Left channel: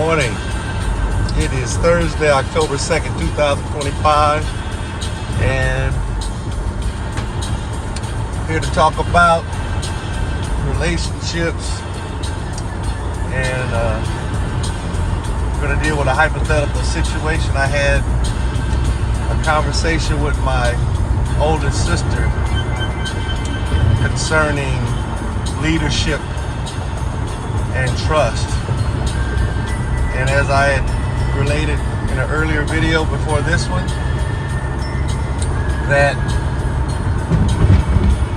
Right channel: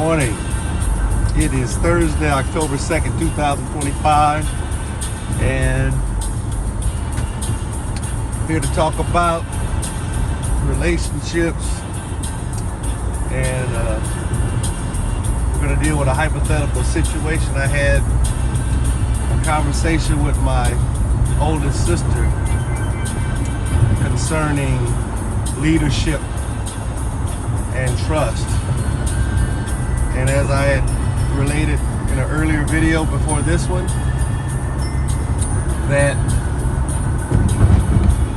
Morning. It is Thursday, October 2nd, 2025, and here to talk about relationships, and we're going to deal with a hypothetical situation. I had a conversation with my oldest sister concerning leadership and trust. And as I had related in an earlier video before this one, that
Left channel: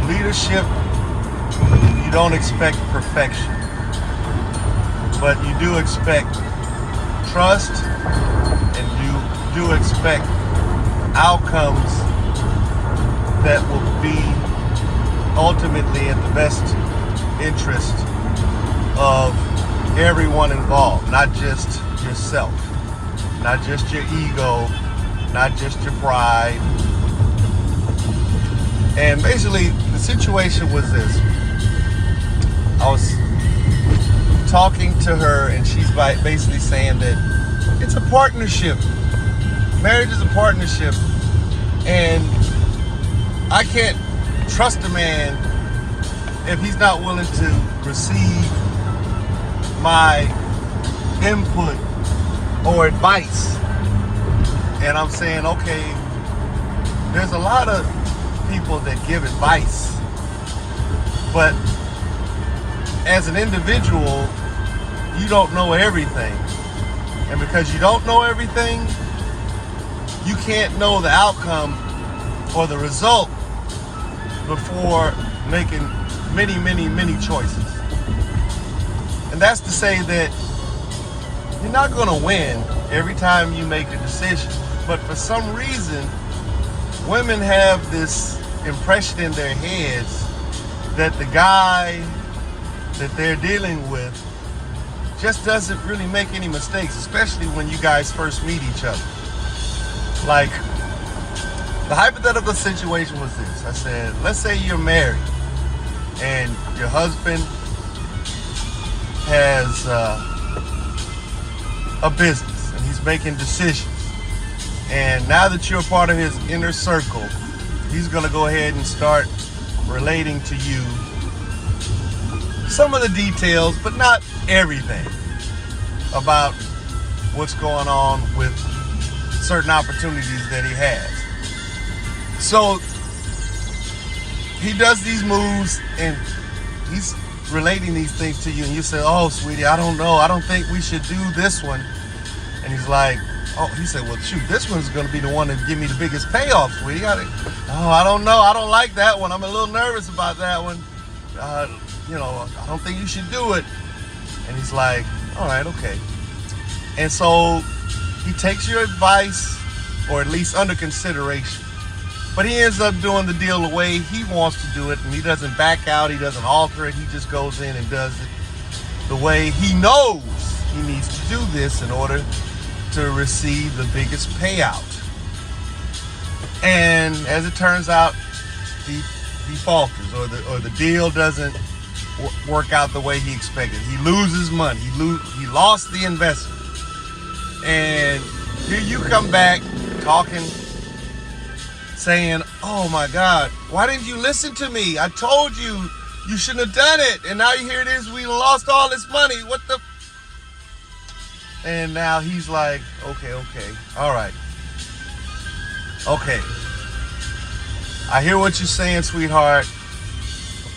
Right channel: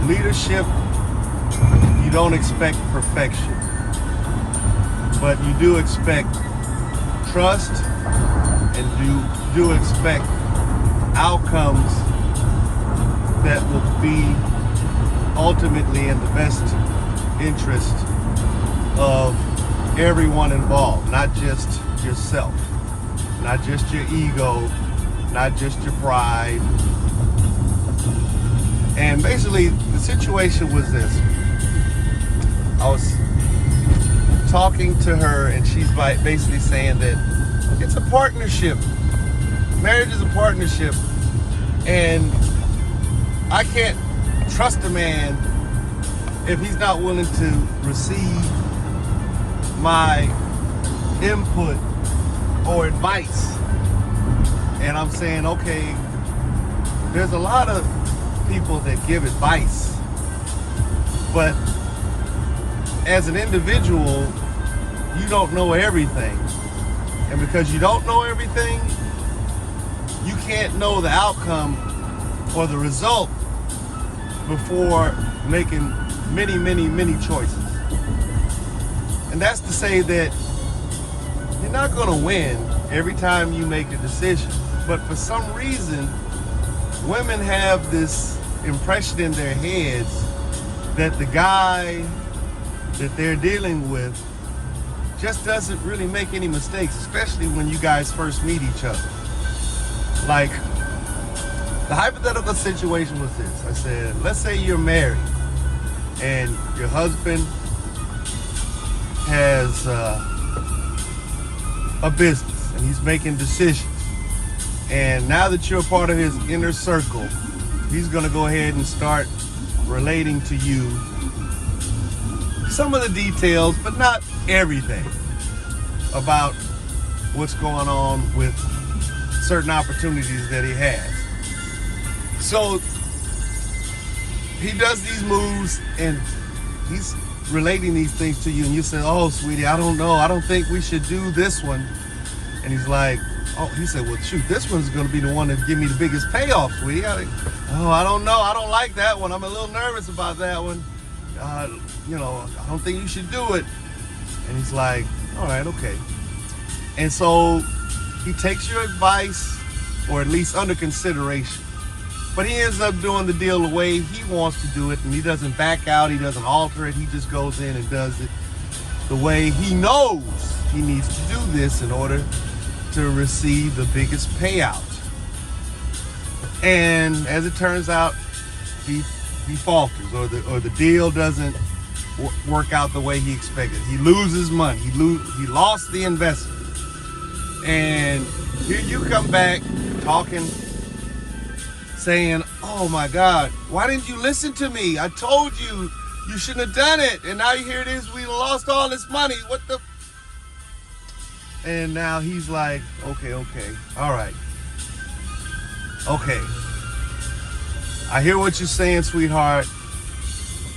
leadership, you don't expect perfection, but you do expect trust, and you do expect outcomes that will be ultimately in the best interest of everyone involved, not just yourself, not just your ego, not just your pride. And basically the situation was this. I was talking to her, and she's basically saying that it's a partnership. Marriage is a partnership, and I can't trust a man if he's not willing to receive my input or advice. And I'm saying, okay, there's a lot of people that give advice, but as an individual, you don't know everything. And because you don't know everything, you can't know the outcome or the result before making many choices. And that's to say that you're not going to win every time you make a decision. But for some reason, women have this impression in their heads that the guy that they're dealing with just doesn't really make any mistakes, especially when you guys first meet each other. Like, the hypothetical situation was this. I said, let's say you're married and your husband has a business and he's making decisions. And now that you're a part of his inner circle, he's going to go ahead and start relating to you some of the details, but not everything, about what's going on with certain opportunities that he has. So he does these moves and he's relating these things to you, and you say, oh, sweetie, I don't know. I don't think we should do this one. And he's like, oh, he said, well, shoot, this one's going to be the one that give me the biggest payoff, sweetie. I don't know. I don't like that one. I'm a little nervous about that one. I don't think you should do it. And he's like, all right, okay. And so he takes your advice, or at least under consideration. But he ends up doing the deal the way he wants to do it, and he doesn't back out, he doesn't alter it, he just goes in and does it the way he knows he needs to do this in order to receive the biggest payout. And as it turns out, he falters, or the deal doesn't work out the way he expected. He loses money, he lost the investment. And here you come back talking, saying, oh my God, why didn't you listen to me? I told you, you shouldn't have done it. And now here it is, we lost all this money. What the? And now he's like, okay, all right. Okay. I hear what you're saying, sweetheart,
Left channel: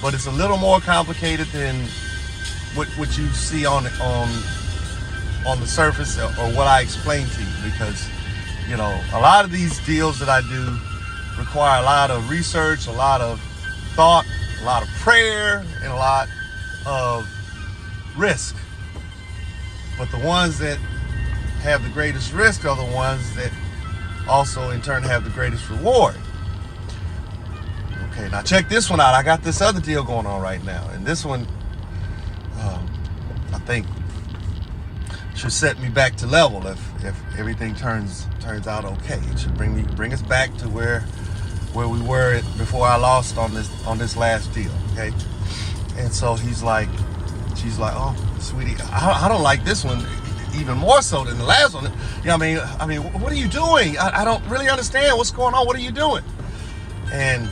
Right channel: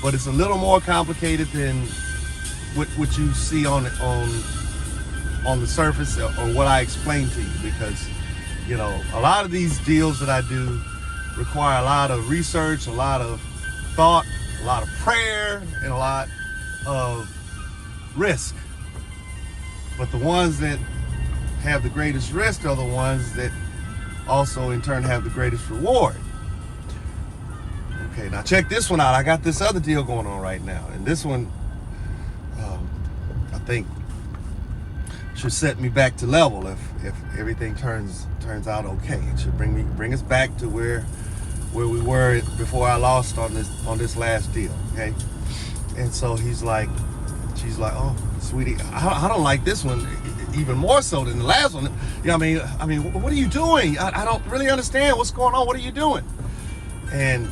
but it's a little more complicated than what you see on the surface, or what I explained to you, because, a lot of these deals that I do require a lot of research, a lot of thought, a lot of prayer, and a lot of risk. But the ones that have the greatest risk are the ones that also in turn have the greatest reward. Okay, now check this one out. I got this other deal going on right now, and this one, I think, should set me back to level if everything turns out okay. It should bring us back to where we were before I lost on this last deal. Okay, and so she's like, oh, sweetie, I don't like this one. even more so than the last one. You know what I mean, what are you doing? I don't really understand what's going on. What are you doing? And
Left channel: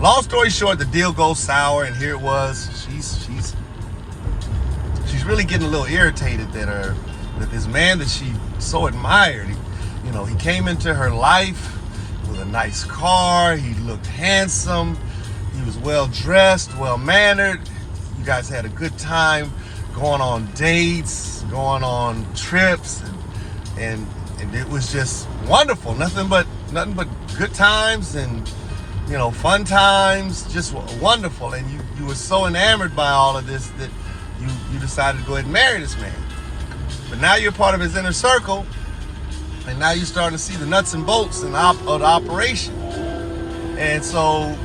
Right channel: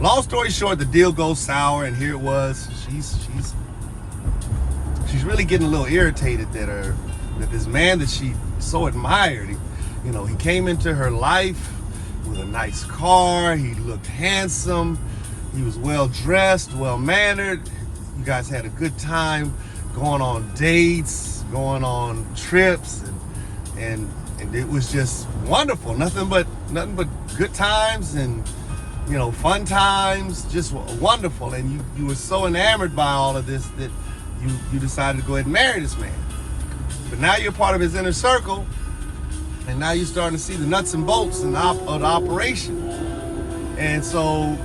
long story short, the deal goes sour, and here it was. She's really getting a little irritated that this man that she so admired, he came into her life with a nice car. He looked handsome. He was well dressed, well mannered. You guys had a good time going on dates, going on trips, and it was just wonderful. Nothing but good times and fun times, just wonderful. And you were so enamored by all of this that you decided to go ahead and marry this man. But now you're part of his inner circle, and now you're starting to see the nuts and bolts of the operation. And so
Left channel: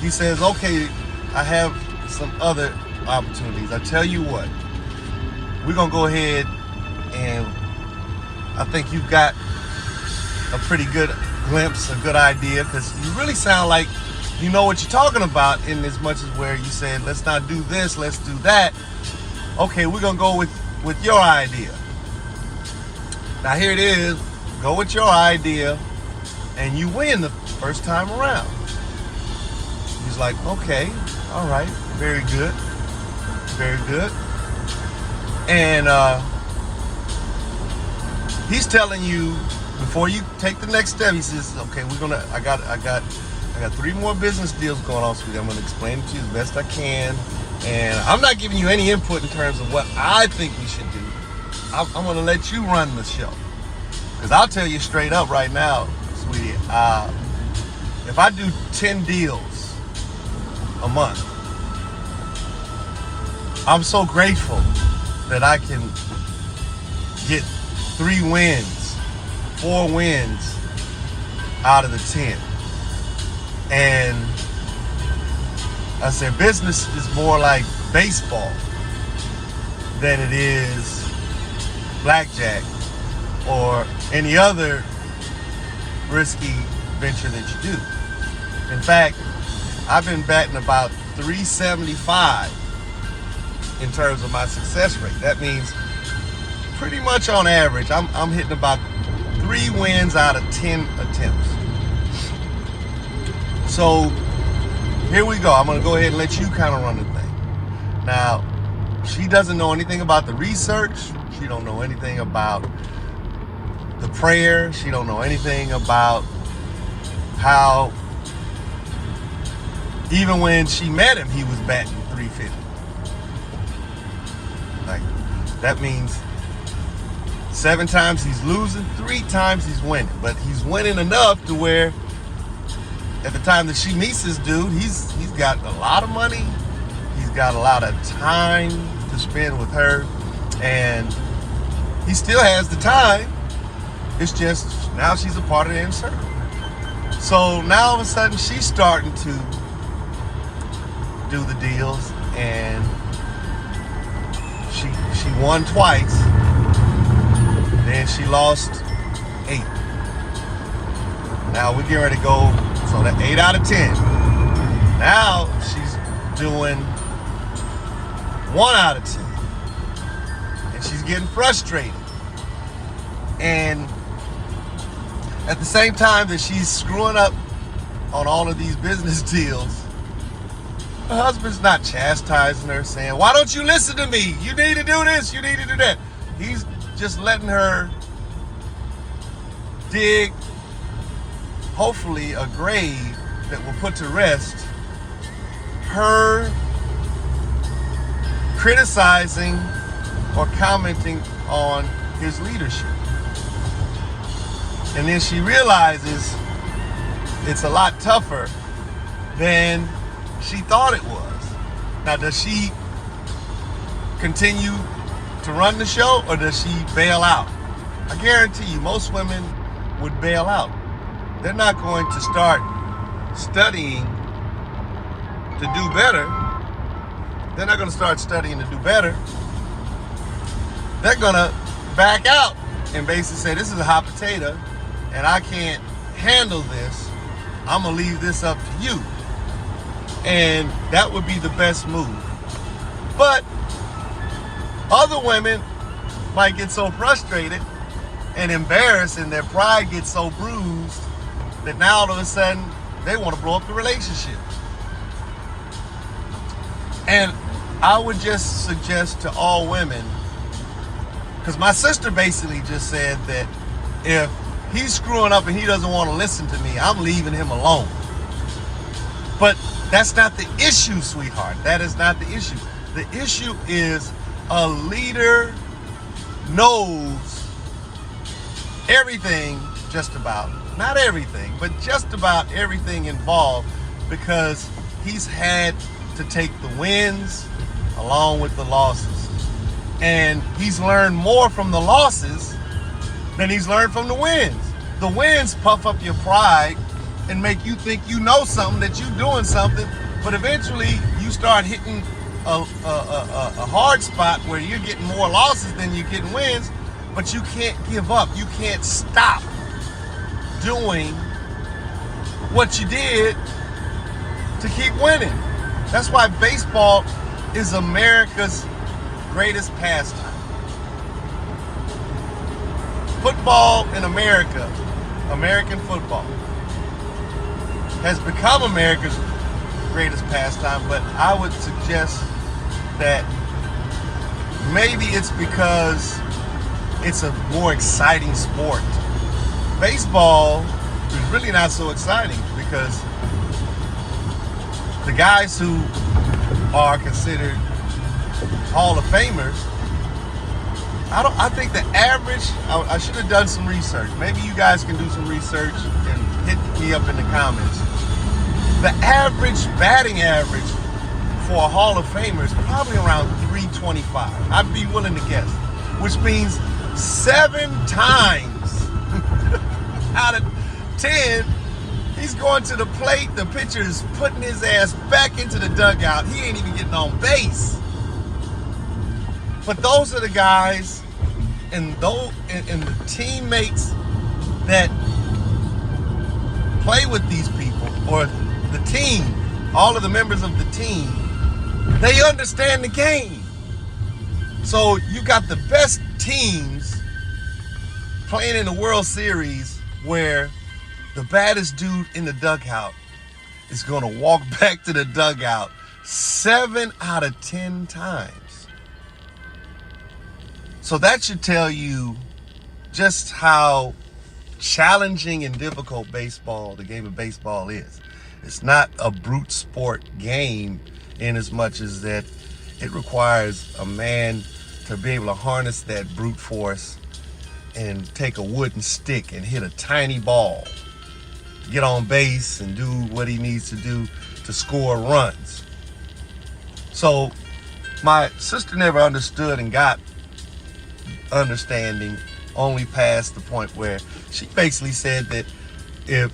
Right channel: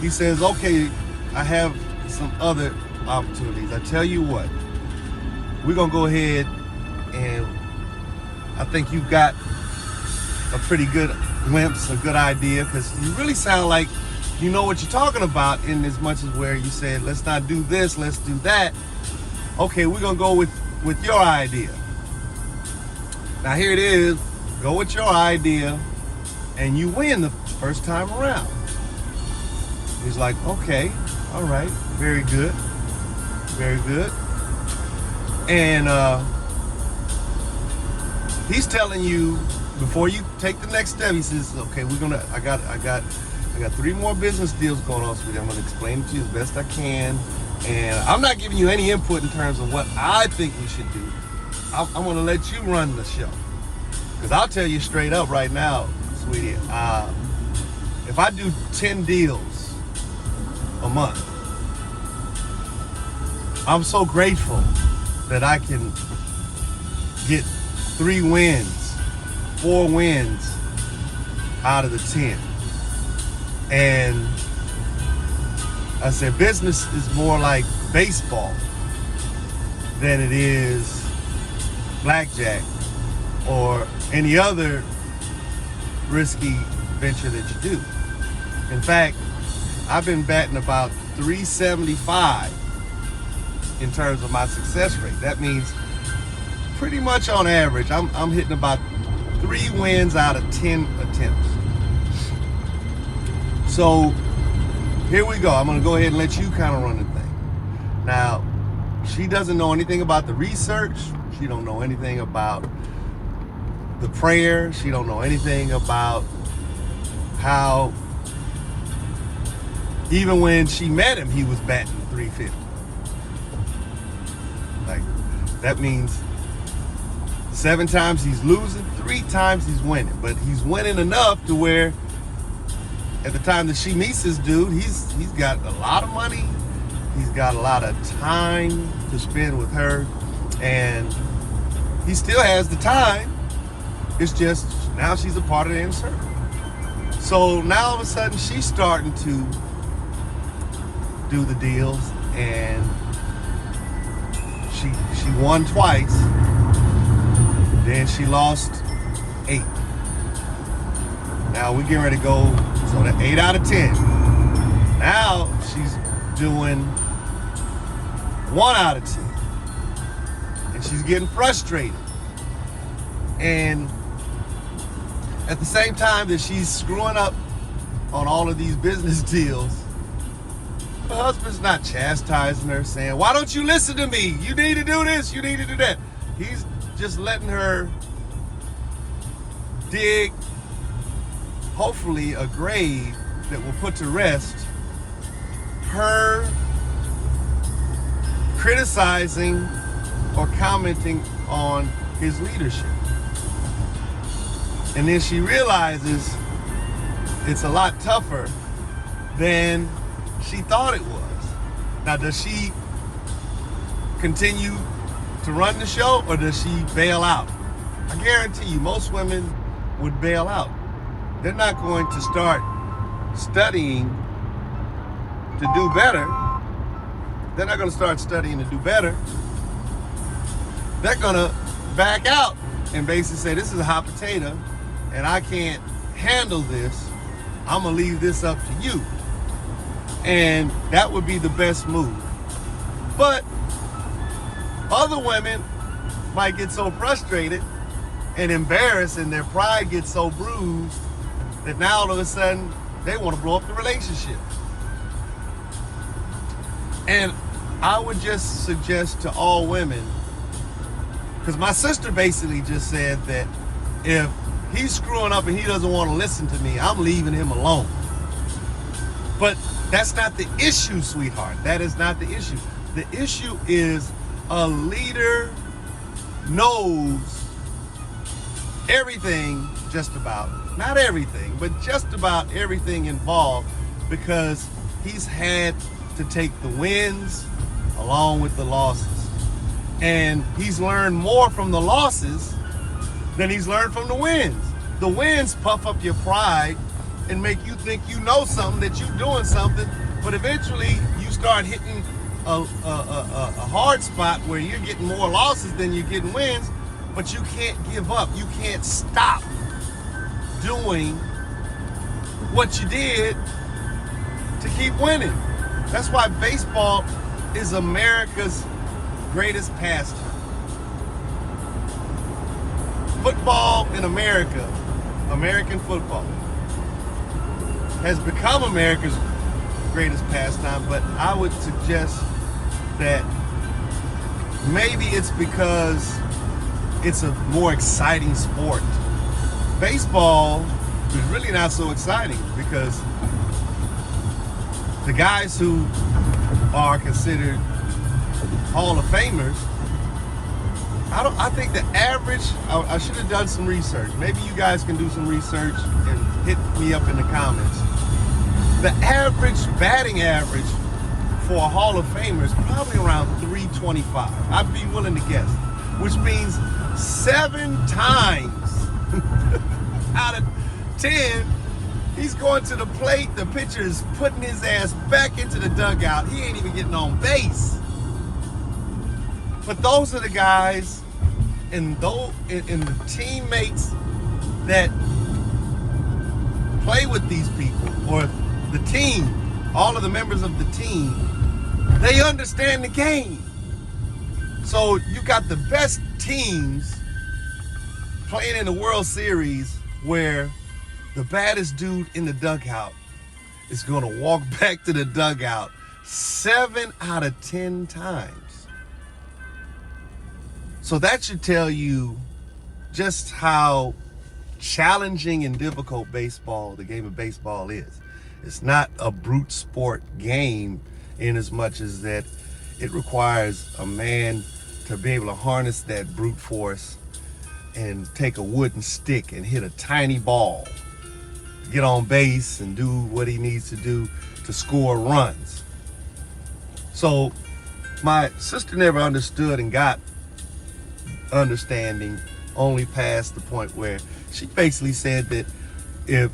he says, okay, I have some other opportunities. I tell you what, we're gonna go ahead, and I think you've got a pretty good glimpse, a good idea, because you really sound like you know what you're talking about, in as much as where you said, let's not do this, let's do that. Okay, we're gonna go with your idea. Now here it is, go with your idea, and you win the first time around. He's like, okay, all right, very good, very good. And he's telling you, before you take the next step, he says, okay, I got 3 more business deals going on, sweetie. I'm gonna explain it to you as best I can. And I'm not giving you any input in terms of what I think we should do. I'm gonna let you run the show. Because I'll tell you straight up right now, sweetie, if I do 10 deals a month, I'm so grateful that I can get 3 wins, 4 wins out of the 10. And I said, business is more like baseball than it is blackjack or any other risky venture that you do. In fact, I've been batting about 375 in terms of my success rate. That means pretty much on average, I'm hitting about 3 wins out of 10 attempts. So here we go. I'm gonna go ahead and let you kind of run the thing. Now, she doesn't know anything about the research. She don't know anything about the prayer. She don't know anything about how, even when she met him, he was batting 350. Like, that means 7 times he's losing, 3 times he's winning. But he's winning enough to where at the time that she meets this dude, he's got a lot of money, he's got a lot of time to spend with her, and he still has the time. It's just now she's a part of the inner circle. So now all of a sudden she's starting to do the deals, and she won twice, then she lost 8. Now we're getting ready to go, so that 8 out of 10. Now she's doing 1 out of 10. And she's getting frustrated. And at the same time that she's screwing up on all of these business deals, her husband's not chastising her, saying, why don't you listen to me? You need to do this, you need to do that. He's just letting her dig, hopefully, a grave that will put to rest her criticizing or commenting on his leadership. And then she realizes it's a lot tougher than she thought it was. Now, does she continue to run the show, or does she bail out? I guarantee you, most women would bail out. They're not going to start studying to do better. They're not going to start studying to do better. They're going to back out and basically say, this is a hot potato and I can't handle this. I'm going to leave this up to you. And that would be the best move. But Other women might get so frustrated and embarrassed, and their pride gets so bruised that now all of a sudden they want to blow up the relationship. And I would just suggest to all women, because my sister basically just said that if he's screwing up and he doesn't want to listen to me, I'm leaving him alone. But that's not the issue, sweetheart. That is not the issue. The issue is a leader knows everything, just about, not everything, but just about everything involved, because he's had to take the wins along with the losses. And he's learned more from the losses than he's learned from the wins. The wins puff up your pride and make you think you know something, that you're doing something, but eventually you start hitting a hard spot where you're getting more losses than you're getting wins, but you can't give up. You can't stop doing what you did to keep winning. That's why baseball is America's greatest pastime. Football in America, American football, has become America's greatest pastime, but I would suggest that maybe it's because it's a more exciting sport. Baseball is really not so exciting because the guys who are considered Hall of Famers, I think the average, I should have done some research. Maybe you guys can do some research and hit me up in the comments. The average batting average for a Hall of Famer is probably around 325. I'd be willing to guess, which means 7 times out of 10, he's going to the plate, the pitcher is putting his ass back into the dugout. He ain't even getting on base. But those are the guys and the teammates that play with these people, or the team, all of the members of the team, they understand the game. So you got the best teams playing in the World Series where the baddest dude in the dugout is going to walk back to the dugout 7 out of 10 times. So that should tell you just how challenging and difficult the game of baseball is. It's not a brute sport game in as much as that it requires a man to be able to harness that brute force and take a wooden stick and hit a tiny ball, get on base and do what he needs to do to score runs. So my sister never understood and got understanding only past the point where she basically said that if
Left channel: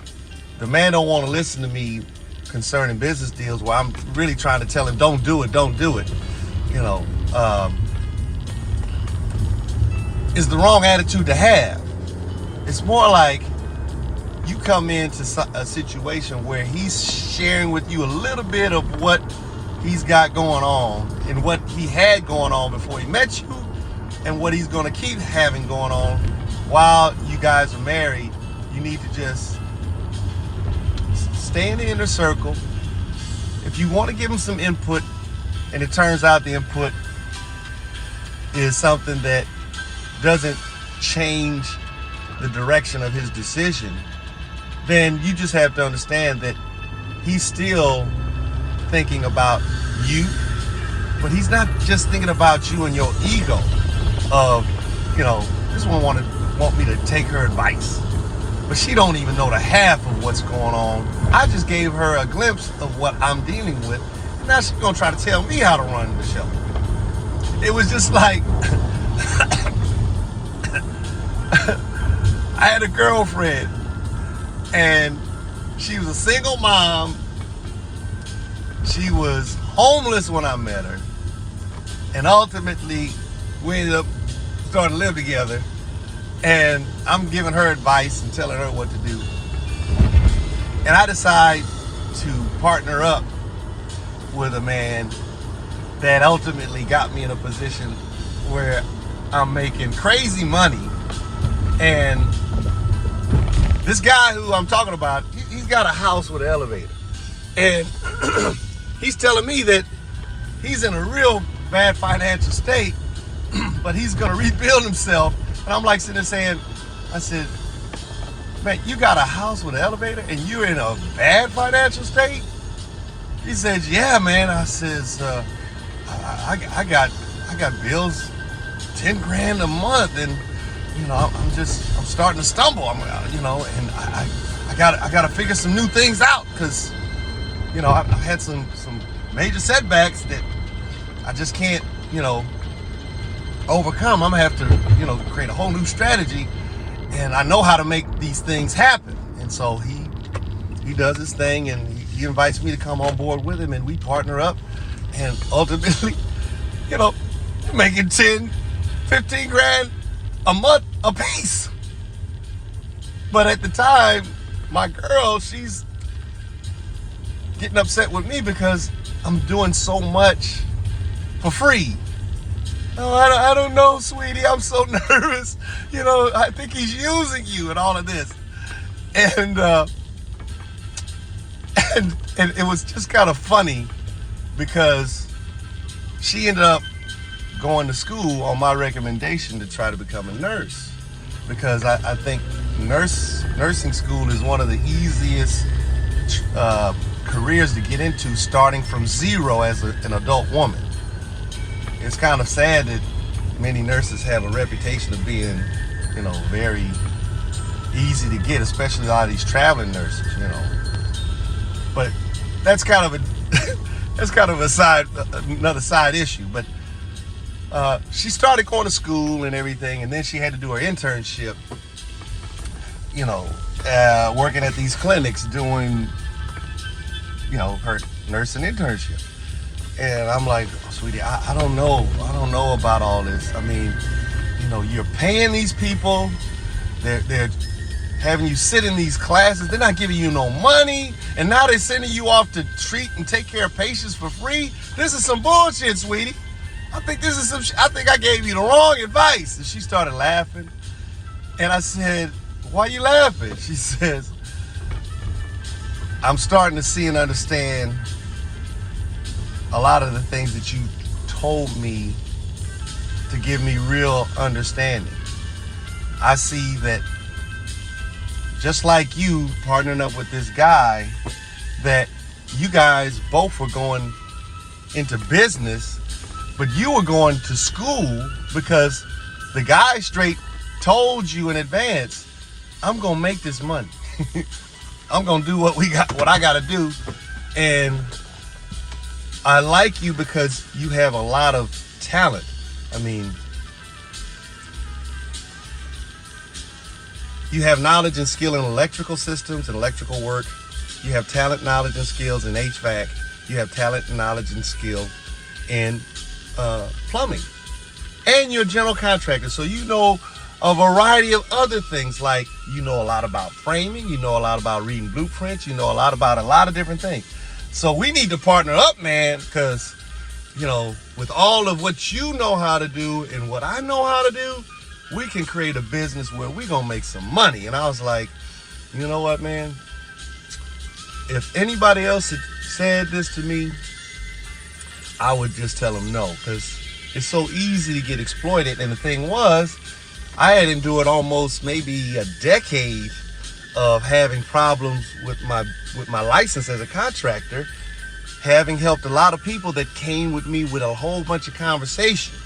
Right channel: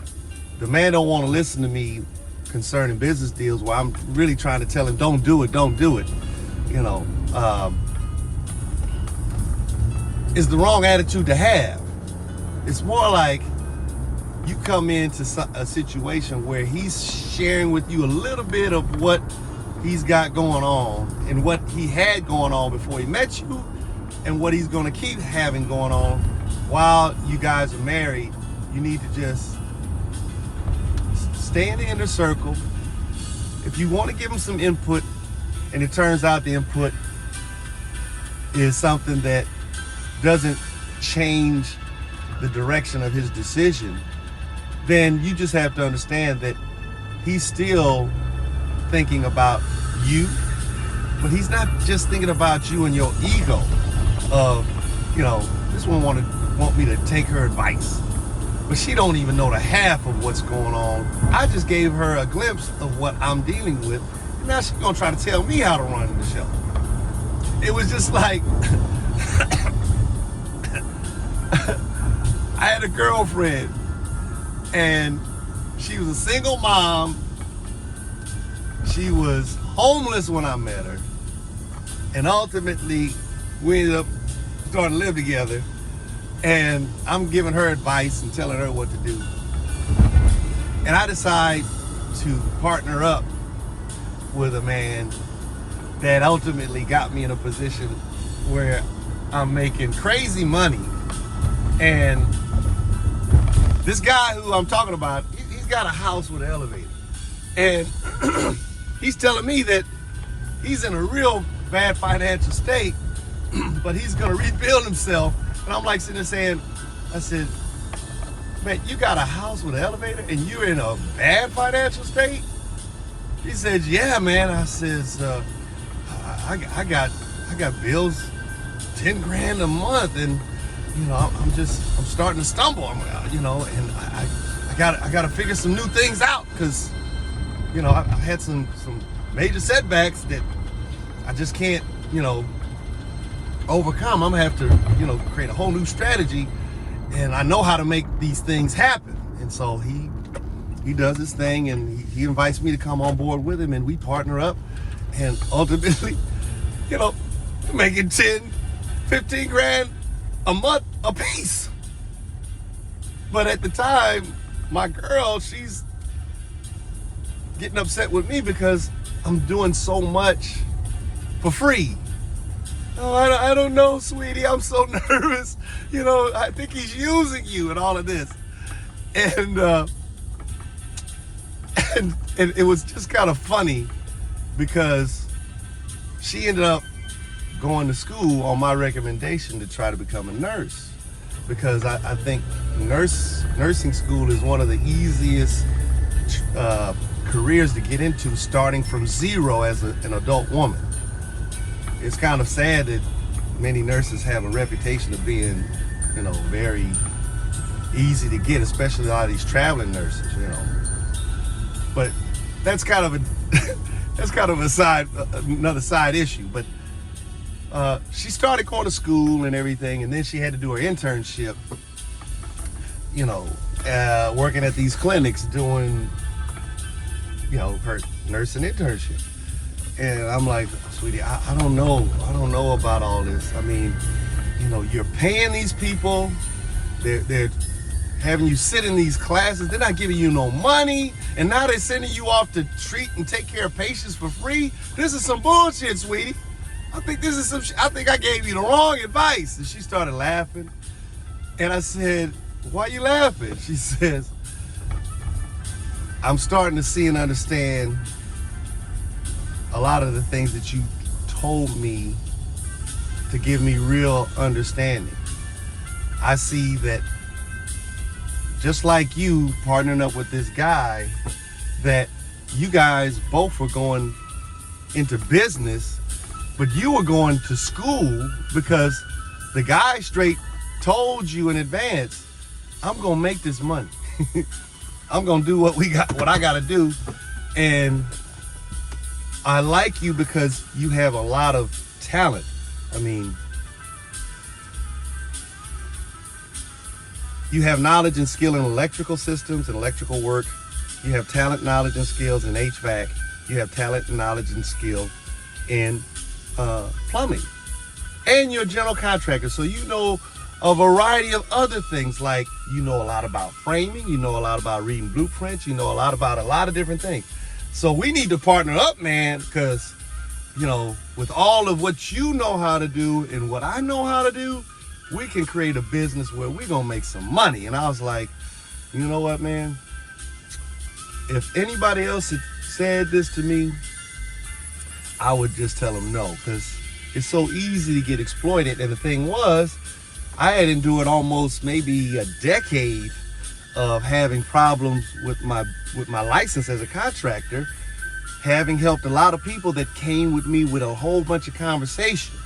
the man don't want to listen to me concerning business deals, well, I'm really trying to tell him, don't do it, you know, is the wrong attitude to have. It's more like you come into a situation where he's sharing with you a little bit of what he's got going on and what he had going on before he met you and what he's going to keep having going on while you guys are married. You need to just stay in the inner circle. If you want to give him some input and it turns out the input is something that doesn't change the direction of his decision, then you just have to understand that he's still thinking about you, but he's not just thinking about you and your ego of, you know, this one want me to take her advice, but she don't even know the half of what's going on. I just gave her a glimpse of what I'm dealing with, and now she's gonna try to tell me how to run the show. It was just like I had a girlfriend and she was a single mom. She was homeless when I met her, and ultimately we ended up starting to live together, and I'm giving her advice and telling her what to do. And I decide to partner up with a man that ultimately got me in a position where I'm making crazy money, and this guy who I'm talking about, he's got a house with an elevator, and he's telling me that he's in a real bad financial state, but he's gonna rebuild himself. And I'm like sitting there saying, I said, man, you got a house with an elevator and you're in a bad financial state? He says, yeah, man. I says, I got bills, 10 grand a month, and I'm starting to stumble. And I gotta figure some new things out, because I've had some major setbacks that I just can't overcome. I'm gonna have to create a whole new strategy, and I know how to make these things happen. And so he does his thing, and he invites me to come on board with him, and we partner up, and ultimately making 10, 15 grand a month a piece. But at the time, my girl, she's getting upset with me because I'm doing so much for free. Oh, I don't know, sweetie. I'm so nervous. I think he's using you and all of this. And it was just kind of funny, because she ended up going to school on my recommendation to try to become a nurse, because I think nursing school is one of the easiest careers to get into, starting from zero as an adult woman. It's kind of sad that many nurses have a reputation of being, very easy to get, especially a lot of these traveling nurses, But that's kind of another side issue. But she started going to school and everything, and then she had to do her internship, working at these clinics doing, her nursing internship. And I'm like, oh, sweetie, I don't know about all this. I mean, you're paying these people, they're having you sit in these classes, they're not giving you no money, and now they're sending you off to treat and take care of patients for free. This is some bullshit, sweetie. I think I gave you the wrong advice. And she started laughing. And I said, why are you laughing? She says, I'm starting to see and understand a lot of the things that you told me to give me real understanding. I see that, just like you partnering up with this guy, that you guys both were going into business, but you were going to school because the guy straight told you in advance, I'm gonna make this money. I'm gonna do what I gotta do. And I like you because you have a lot of talent. I mean, you have knowledge and skill in electrical systems and electrical work. You have talent, knowledge, and skills in HVAC. You have talent, knowledge, and skill in plumbing. And you're a general contractor, so you know a variety of other things, like you know a lot about framing, you know a lot about reading blueprints, you know a lot about a lot of different things. So we need to partner up, man, because, with all of what you know how to do and what I know how to do, we can create a business where we're going to make some money. And I was like, you know what, man? If anybody else had said this to me, I would just tell them no, because it's so easy to get exploited. And the thing was, I had endured almost maybe a decade of having problems with my license as a contractor, having helped a lot of people that came with me with a whole bunch of conversations.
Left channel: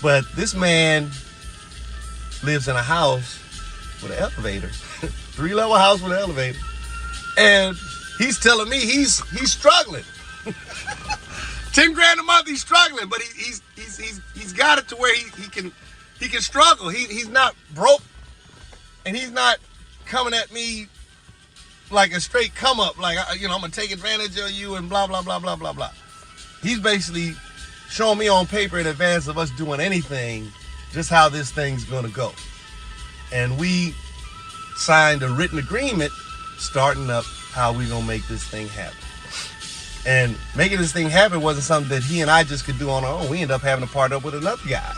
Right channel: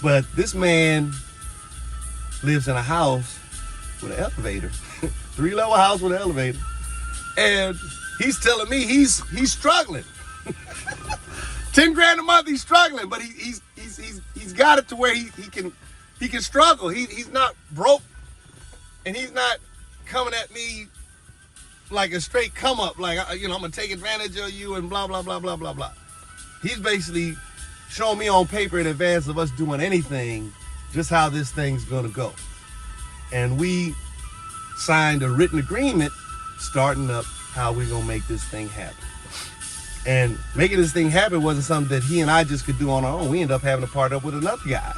But this man lives in a house with an elevator, 3-level house with an elevator, and he's telling me he's struggling. 10 grand a month, he's struggling, but he's got it to where he can struggle. He's not broke, and he's not coming at me like a straight come up, like, I'm gonna take advantage of you and blah, blah, blah, blah, blah, blah. He's basically showing me on paper in advance of us doing anything, just how this thing's gonna go. And we signed a written agreement starting up how we gonna make this thing happen. And making this thing happen wasn't something that he and I just could do on our own. We ended up having to partner up with another guy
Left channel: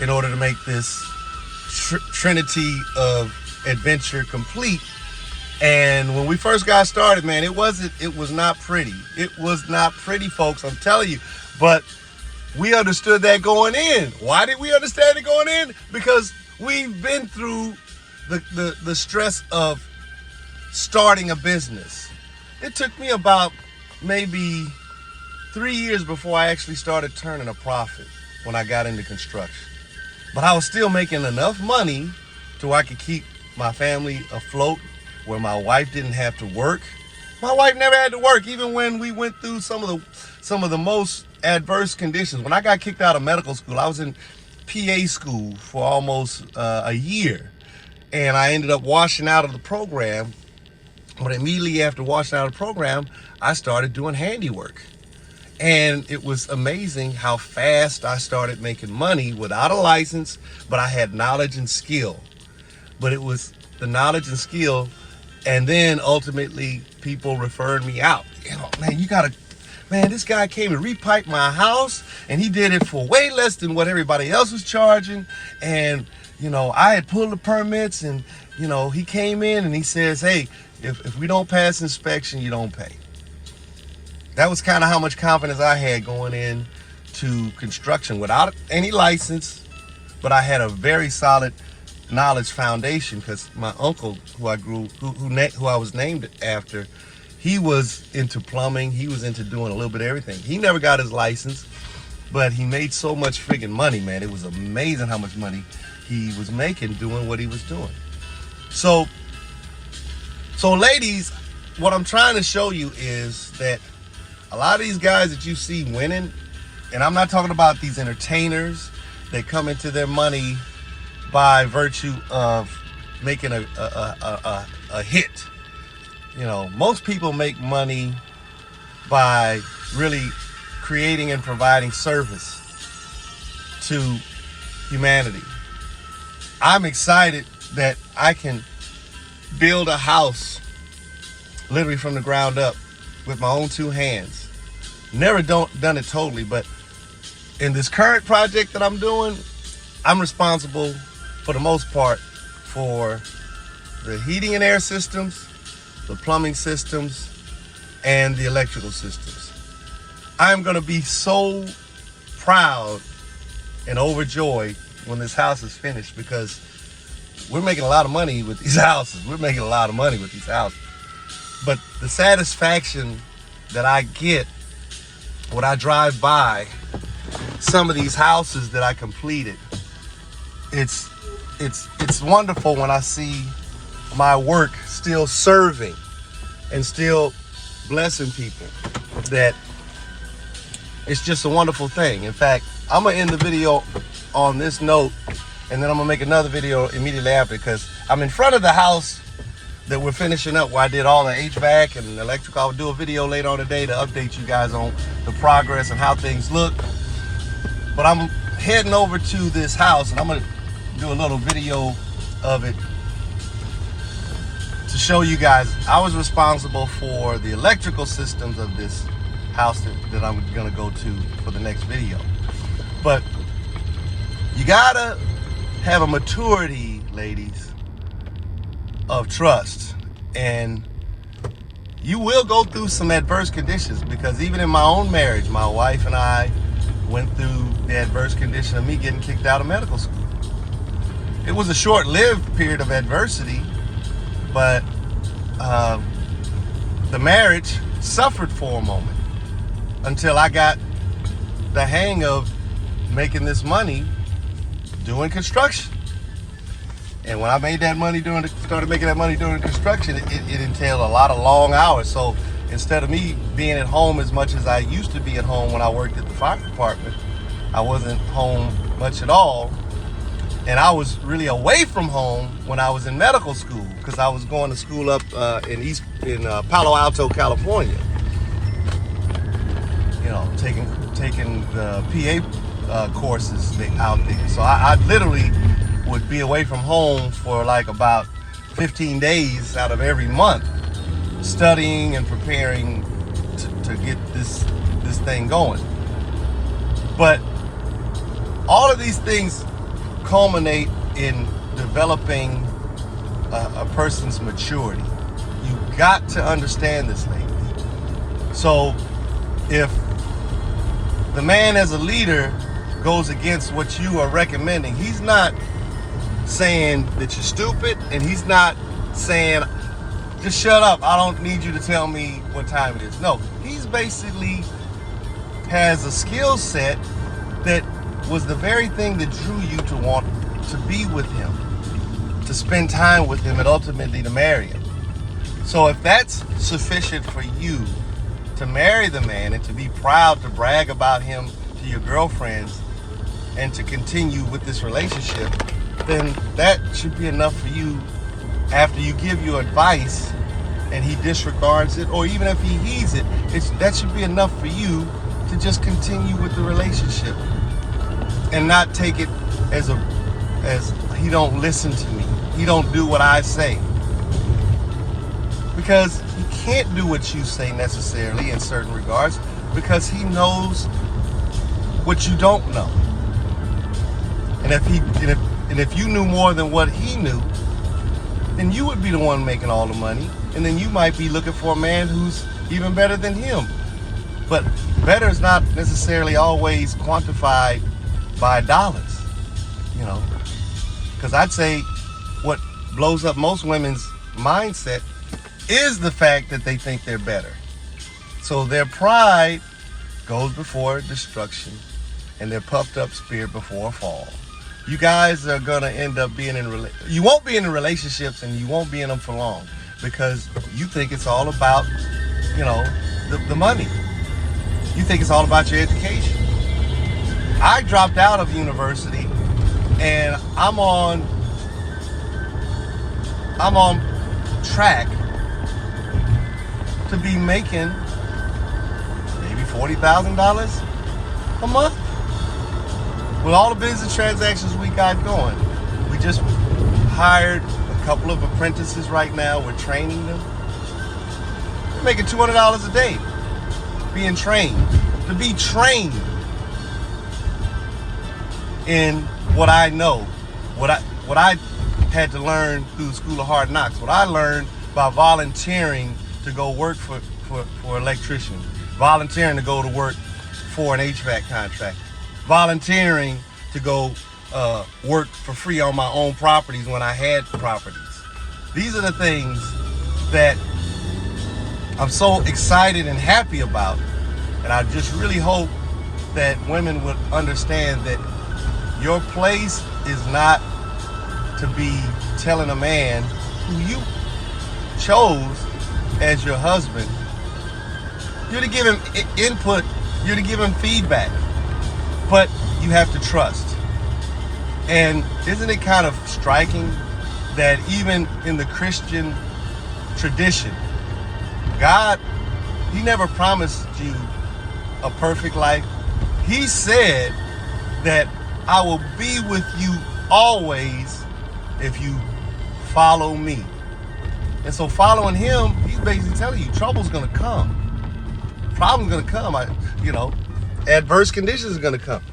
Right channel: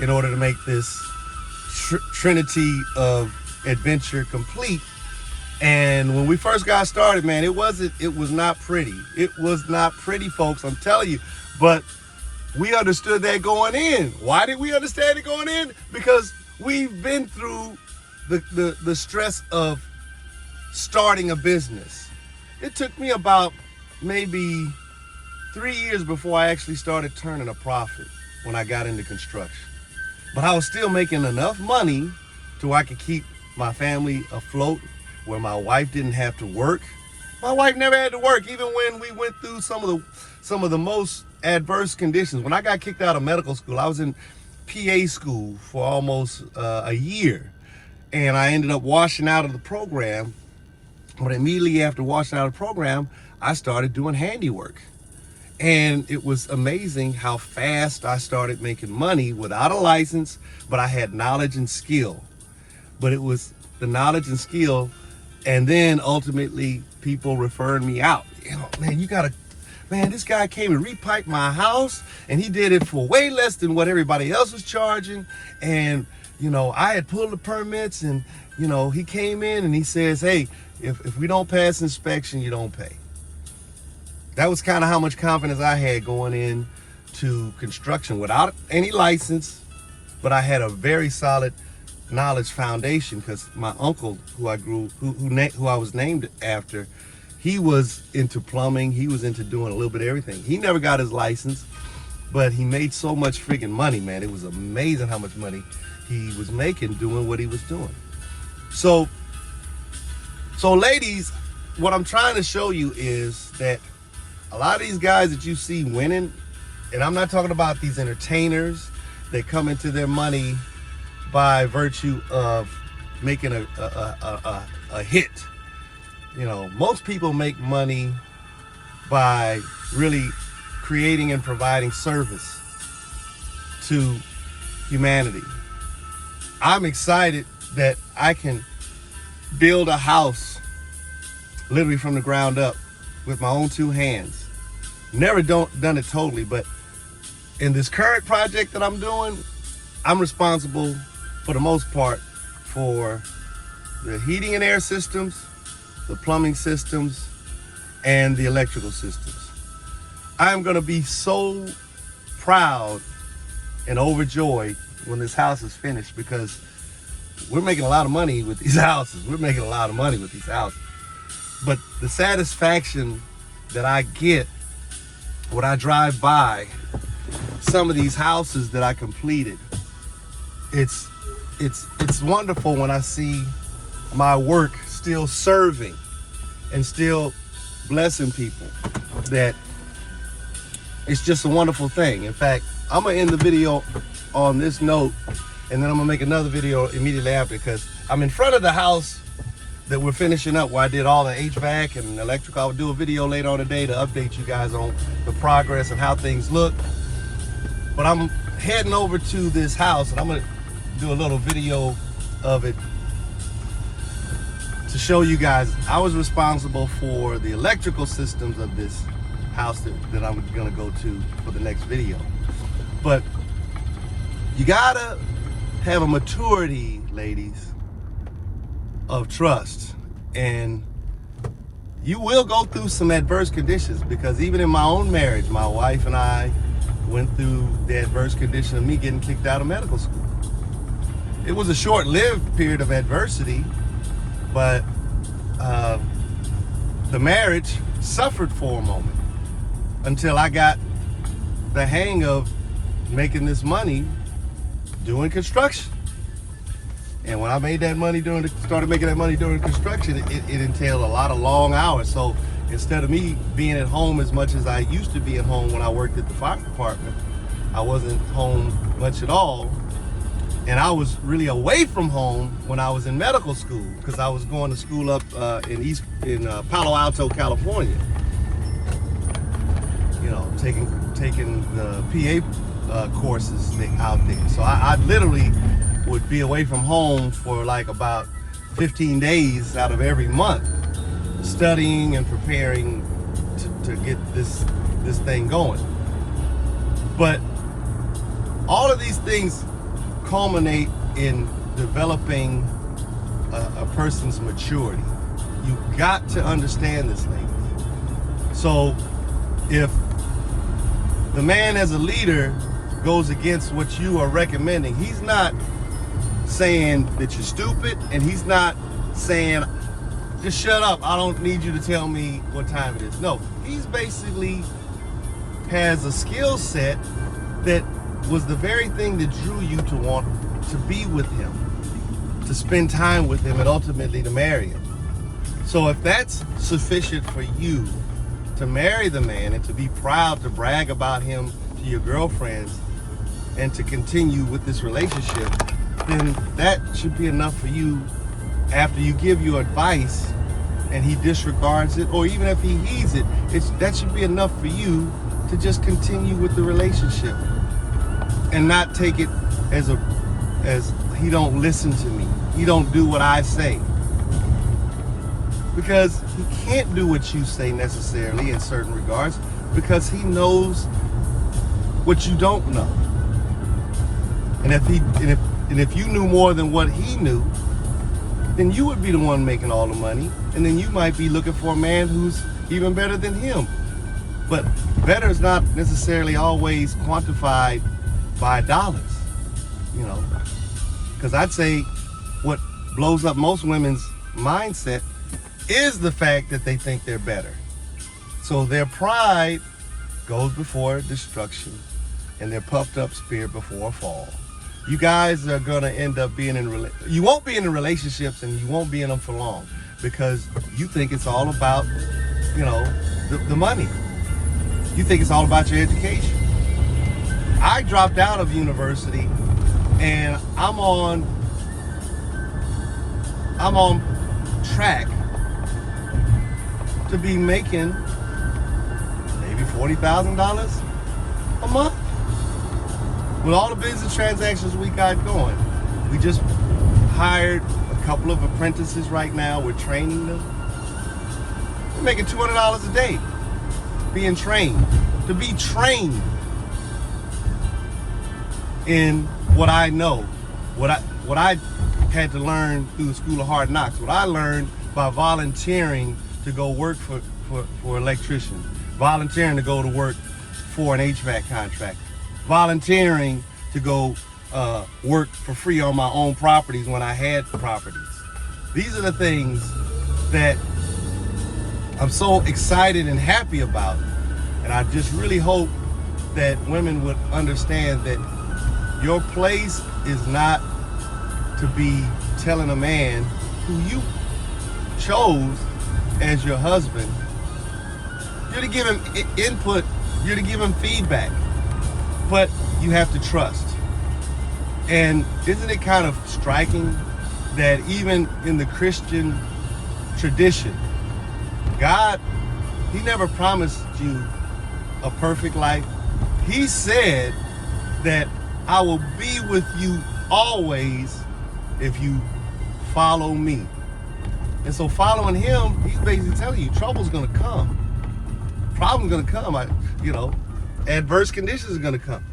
in order to make this trinity of adventure complete. And when we first got started, man, it was not pretty. It was not pretty, folks, I'm telling you. But we understood that going in. Why did we understand it going in? Because we've been through the stress of starting a business. It took me about maybe 3 years before I actually started turning a profit when I got into construction. But I was still making enough money to where I could keep my family afloat, where my wife didn't have to work. My wife never had to work, even when we went through some of the most adverse conditions. When I got kicked out of medical school, I was in PA school for almost a year, and I ended up washing out of the program. But immediately after washing out of the program, I started doing handiwork. And it was amazing how fast I started making money without a license, but I had knowledge and skill. But it was the knowledge and skill, and then ultimately people referred me out. You know, man, this guy came and repiped my house, and he did it for way less than what everybody else was charging. And, you know, I had pulled the permits, and, you know, he came in and he says, hey, if we don't pass inspection, you don't pay. That was kind of how much confidence I had going in to construction without any license, but I had a very solid knowledge foundation because my uncle, who I was named after, he was into plumbing. He was into doing a little bit of everything. He never got his license, but he made so much friggin' money, man. It was amazing how much money he was making doing what he was doing. So ladies, what I'm trying to show you is that a lot of these guys that you see winning, and I'm not talking about these entertainers that come into their money by virtue of making a hit. You know, most people make money by really creating and providing service to humanity. I'm excited that I can build a house literally from the ground up with my own two hands. Never done it totally, but in this current project that I'm doing, I'm responsible for the most part for the heating and air systems, the plumbing systems, and the electrical systems. I'm gonna be so proud and overjoyed when this house is finished, because we're making a lot of money with these houses. But the satisfaction that I get when I drive by some of these houses that I completed, it's wonderful when I see my work still serving and still blessing people. That it's just a wonderful thing. In fact, I'm gonna end the video on this note, and then I'm gonna make another video immediately after, because I'm in front of the house that we're finishing up, where I did all the HVAC and electrical. I'll do a video later on today to update you guys on the progress and how things look. But I'm heading over to this house, and I'm gonna do a little video of it to show you guys. I was responsible for the electrical systems of this house that I'm gonna go to for the next video. But you gotta have a maturity, ladies, of trust, and you will go through some adverse conditions, because even in my own marriage, my wife and I went through the adverse condition of me getting kicked out of medical school. It was a short-lived period of adversity, but the marriage suffered for a moment until I got the hang of making this money doing construction. And when I made that money started making that money during construction, it entailed a lot of long hours. So instead of me being at home as much as I used to be at home when I worked at the fire department, I wasn't home much at all. And I was really away from home when I was in medical school, because I was going to school up in Palo Alto, California. You know, taking the PA courses out there. So I literally would be away from home for like about 15 days out of every month, studying and preparing to get this thing going. But all of these things culminate in developing a person's maturity. You got to understand this, lady. So if the man as a leader goes against what you are recommending, he's not saying that you're stupid, and he's not saying, just shut up, I don't need you to tell me what time it is. No, he's basically has a skill set that was the very thing that drew you to want to be with him, to spend time with him, and ultimately to marry him. So if that's sufficient for you to marry the man and to be proud to brag about him to your girlfriends and to continue with this relationship, then that should be enough for you. After you give your advice and he disregards it, or even if he heeds it, that should be enough for you to just continue with the relationship and not take it as he don't listen to me, he don't do what I say. Because he can't do what you say necessarily in certain regards, because he knows what you don't know. And if you knew more than what he knew, then you would be the one making all the money, and then you might be looking for a man who's even better than him. But better is not necessarily always quantified by dollars, you know. Because I'd say what blows up most women's mindset is the fact that they think they're better. So their pride goes before destruction, and their puffed up spirit before a fall. You guys are gonna end up being you won't be in the relationships, and you won't be in them for long, because you think it's all about, you know, the money. You think it's all about your education. I dropped out of university, and I'm on track to be making maybe $40,000 a month. With all the business transactions we got going, we just hired a couple of apprentices right now. We're training them. They're making $200 a day being trained. To be trained in what I know, what I had to learn through the School of Hard Knocks, what I learned by volunteering to go work for an electrician, volunteering to go to work for an HVAC contract, volunteering to go work for free on my own properties when I had properties. These are the things that I'm so excited and happy about. And I just really hope that women would understand that your place is not to be telling a man who you chose as your husband. You're to give him input, you're to give him feedback, but you have to trust. And isn't it kind of striking that even in the Christian tradition, God, he never promised you a perfect life. He said that I will be with you always if you follow me. And so following him, he's basically telling you trouble's gonna come. Problem's gonna come. Adverse conditions are gonna come.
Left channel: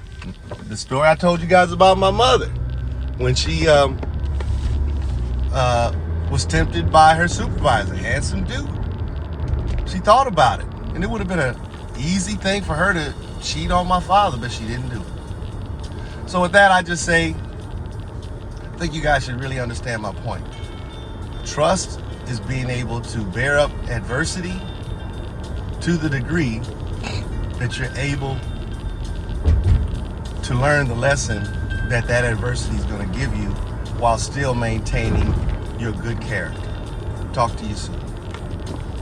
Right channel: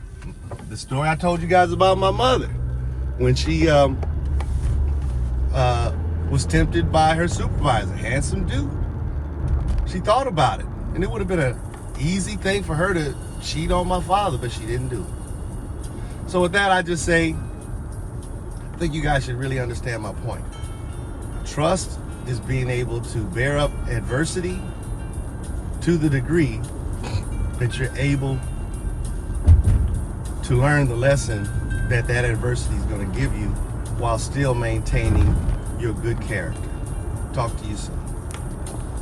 The story I told you guys about my mother, when she was tempted by her supervisor, handsome dude. She thought about it, and it would have been an easy thing for her to cheat on my father, but she didn't do it. So with that, I just say, I think you guys should really understand my point. Trust is being able to bear up adversity to the degree that you're able to learn the lesson that adversity is going to give you, while still maintaining your good character. Talk to you soon.